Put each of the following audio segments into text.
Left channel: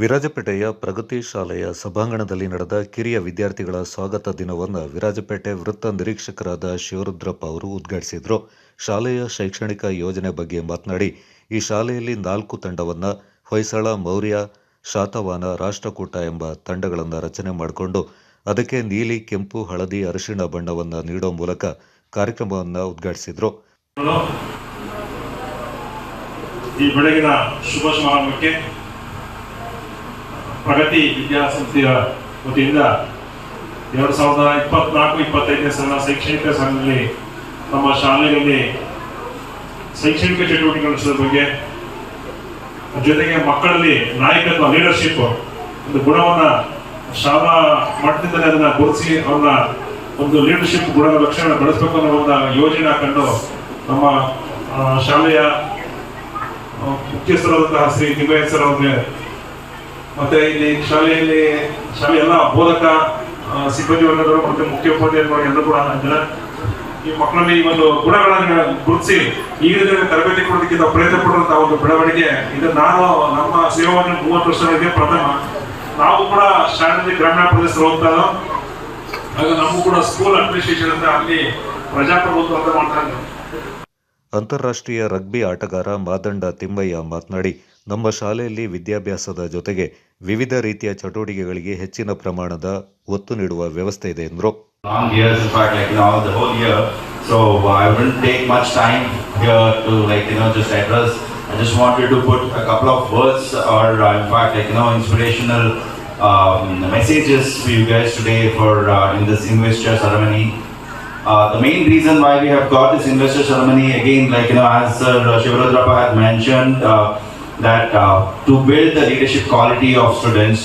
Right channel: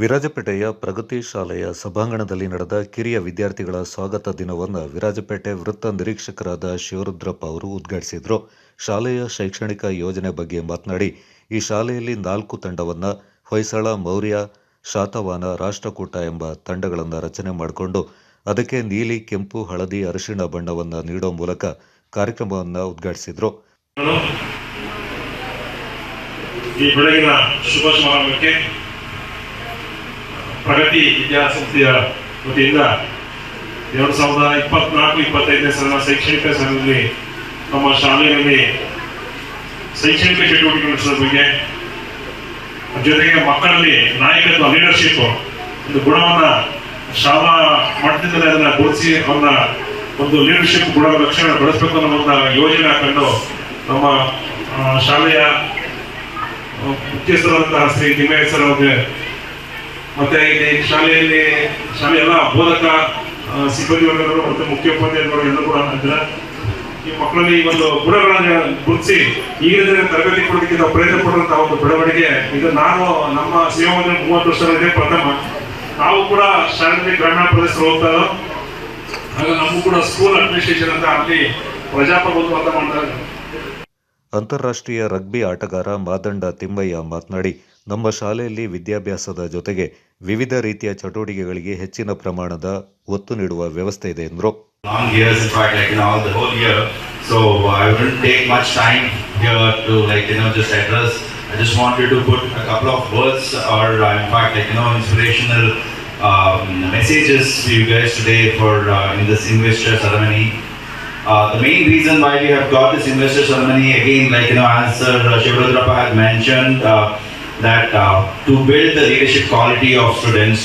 ವಿರಾಜಪೇಟೆಯ ಪ್ರಗತಿ ಶಾಲೆಯ ಸಭಾಂಗಣದಲ್ಲಿ ನಡೆದ ಕಿರಿಯ ವಿದ್ಯಾರ್ಥಿಗಳ ಸ್ವಾಗತ ದಿನವನ್ನು ವಿರಾಜಪೇಟೆ ವೃತ್ತ ನಿರೀಕ್ಷಕರಾದ ಶಿವರುದ್ರಪ್ಪ ಅವರು ಉದ್ಘಾಟಿಸಿದರು. ಶಾಲೆಯ ಶೈಕ್ಷಣಿಕ ಯೋಜನೆ ಬಗ್ಗೆ ಮಾತನಾಡಿ, ಈ ಶಾಲೆಯಲ್ಲಿ ನಾಲ್ಕು ತಂಡವನ್ನು ಹೊಯ್ಸಳ, ಮೌರ್ಯ, ಶಾತವಾನ, ರಾಷ್ಟ್ರಕೂಟ ಎಂಬ ತಂಡಗಳನ್ನು ರಚನೆ ಮಾಡಿಕೊಂಡು, ಅದಕ್ಕೆ ನೀಲಿ, ಕೆಂಪು, ಹಳದಿ, ಅರಿಶಿಣ ಬಣ್ಣವನ್ನು ನೀಡೋ ಮೂಲಕ ಕಾರ್ಯಕ್ರಮವನ್ನು ಉದ್ಘಾಟಿಸಿದರು. ಈ ಬೆಳಗಿನ ಶುಭ ಸಮಾರಂಭಕ್ಕೆ ಪ್ರಗತಿ ವಿದ್ಯಾಸಂಸ್ಥೆಯ ವತಿಯಿಂದ ಎರಡು ಸಾವಿರದ ಇಪ್ಪತ್ನಾಲ್ಕು, ಇಪ್ಪತ್ತೈದನೇ ಸಾಲಿನ ಶೈಕ್ಷಣಿಕ ಸಾಲಿನಲ್ಲಿ ನಮ್ಮ ಶಾಲೆಯಲ್ಲಿ ಶೈಕ್ಷಣಿಕ ಚಟುವಟಿಕೆ ನಡೆಸೋದ್ರ ಬಗ್ಗೆ ಜೊತೆಗೆ ಮಕ್ಕಳಲ್ಲಿ ನಾಯಕತ್ವ ಲೀಡರ್ಶಿಪ್ ಒಂದು ಗುಣವನ್ನ ಶಾಲಾ ಮಟ್ಟದಿಂದಲೇ ಅದನ್ನ ಗುರುತಿಸಿ ಅವರ ಒಂದು ಲೀಡರ್ಶಿಪ್ ಗುಣ ಲಕ್ಷಣ ಬೆಳೆಸಬೇಕು ಅನ್ನೋ ಒಂದು ಯೋಜನೆ ಹಾಕೊಂಡು ನಮ್ಮ ಶಾಲೆಯ ಮುಖ್ಯಸ್ಥರಾದಂತಹ ಶ್ರೀ ತಿಮ್ಮೇಶ್ವರ ಮತ್ತೆ ಇಲ್ಲಿ ಶಾಲೆಯಲ್ಲಿ ಶಾಲೆಯ ಎಲ್ಲ ಬೋಧಕ ಸಿಬ್ಬಂದಿ ವರ್ಗದವರು ಮತ್ತೆ ಮುಖ್ಯೋಪಾಧ್ಯಾಯರು ಎಲ್ಲರೂ ಕೂಡ ಇದ್ದಾರೆ ಈ ಮಕ್ಕಳಲ್ಲಿ ಈ ಒಂದು ಗುಣಗಳನ್ನು ಗುರುತಿಸಿ ಈಗಿನ ತರಬೇತಿ ಕೊಡೋದಕ್ಕೆ ಪ್ರಯತ್ನ ಪಡುವಂತಹ ಒಂದು ಬೆಳವಣಿಗೆ. ಇದು ನಾನು ನಮ್ಮ ಸೇವೆಯನ್ನು ಮೂವತ್ತು ವರ್ಷ ಇದೆ ಪ್ರಥಮ. ನಾವು ಕೂಡ ಶಾಲೆಯಲ್ಲಿ ಗ್ರಾಮೀಣ ಪ್ರದೇಶ ಹೋಗ್ತಾ ನಮಗೂ ಕೂಡ ಸ್ಕೂಲ್ ಅಡ್ಮಿನಿಸ್ಟ್ರೇಷನ್ ಅಂತ ಅಲ್ಲಿ ಪ್ರಜಾಪ್ರಭುತ್ವ ಅಂತ ಮಾಡ್ತಾ ಇದ್ರು. ಅಂತಾರಾಷ್ಟ್ರೀಯ ರಗ್ಬಿ ಆಟಗಾರ ಮಾದಂಡ ತಿಮ್ಮಯ್ಯ ಮಾತನಾಡಿ ನಮ್ಮ ಶಾಲೆಯಲ್ಲಿ ವಿದ್ಯಾಭ್ಯಾಸದ ಜೊತೆಗೆ ವಿವಿಧ ರೀತಿಯ ಚಟುವಟಿಕೆಗಳಿಗೆ ಹೆಚ್ಚಿನ ಪ್ರಮಾಣದ ಒತ್ತು ನೀಡುವ ವ್ಯವಸ್ಥೆ ಇದೆ ಎಂದರು I just. Wanted to put a couple of words or, uh, in fact, like, you know, inspirational um, messages for you guys today for uh, in this investor ceremony. Uh, the main reason why we have got this investor ceremony, again, like, you know, as Sir Shivarudrappa had mentioned, uh, that uh, to build the leadership quality of students,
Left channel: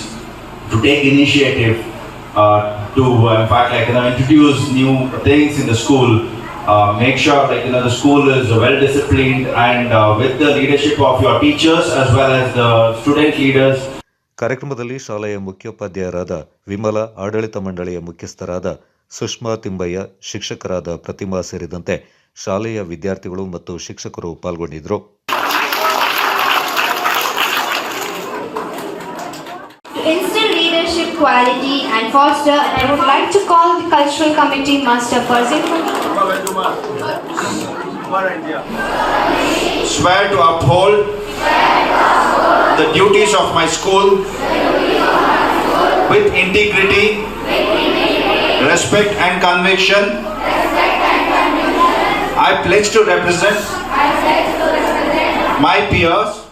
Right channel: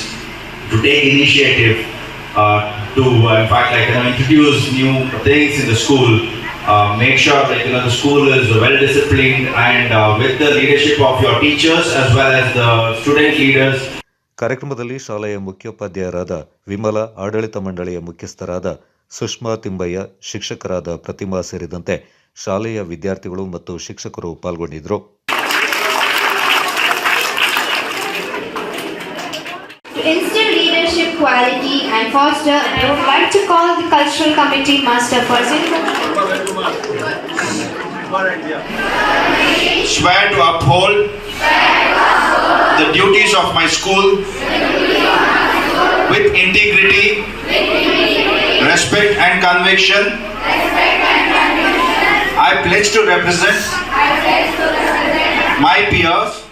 to take initiative, uh, to, uh, in fact, like, you know, introduce new things in the school, uh, make sure that, you know, the school is well disciplined and uh, with the leadership of your teachers as well as the student leaders, ಕಾರ್ಯಕ್ರಮದಲ್ಲಿ ಶಾಲೆಯ ಮುಖ್ಯೋಪಾಧ್ಯಾಯರಾದ ವಿಮಲ ಆಡಳಿತ ಮಂಡಳಿಯ ಮುಖ್ಯಸ್ಥರಾದ ಸುಷ್ಮಾ ತಿಂಬಯ್ಯ ಶಿಕ್ಷಕರಾದ ಪ್ರತಿಮಾ ಸೇರಿದಂತೆ ಶಾಲೆಯ ವಿದ್ಯಾರ್ಥಿಗಳು ಮತ್ತು ಶಿಕ್ಷಕರು ಪಾಲ್ಗೊಂಡಿದ್ದರು instill leadership quality and foster I would like to call the cultural committee master person. swear to uphold the duties of my school with integrity, and conviction. I pledge to represent my peers